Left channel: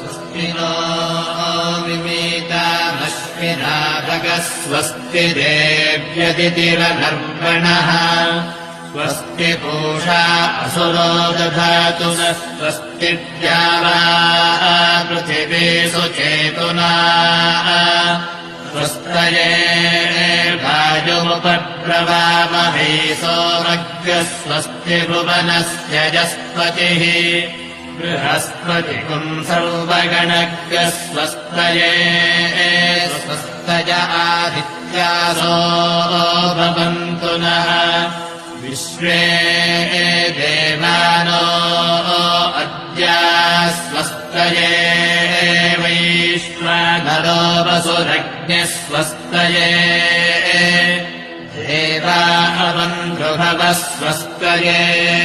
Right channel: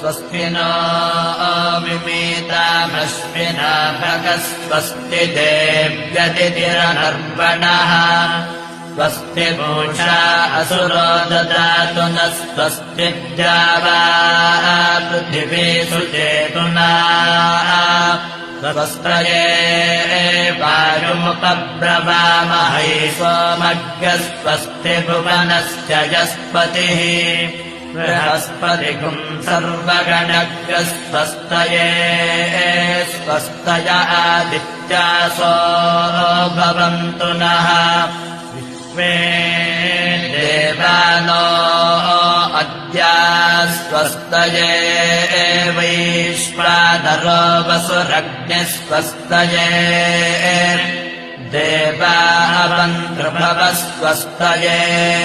स्वस्ति नो मिमीतामस्मिना भगस्वस्ति देव्यदितिरनर्पणः स्वस्ति पूषा असुरो ददातु स्वस्ति द्यावा पृथिवी सुचेतुना स्वस्त्रये वायुमुपब्रवामहै सोमज्ञः स्वस्ति भुवनस्य यस्पतिः बृहस्पतिम् सर्वगणज्ञः स्वस्तये स्वस्तय आदित्यासो भवन्तु नः विश्वे देवानो अद्या स्वस्तये वैश्वानरो वसुरग्निः स्वस्तये देवा अवन्तु भवः स्वस्तये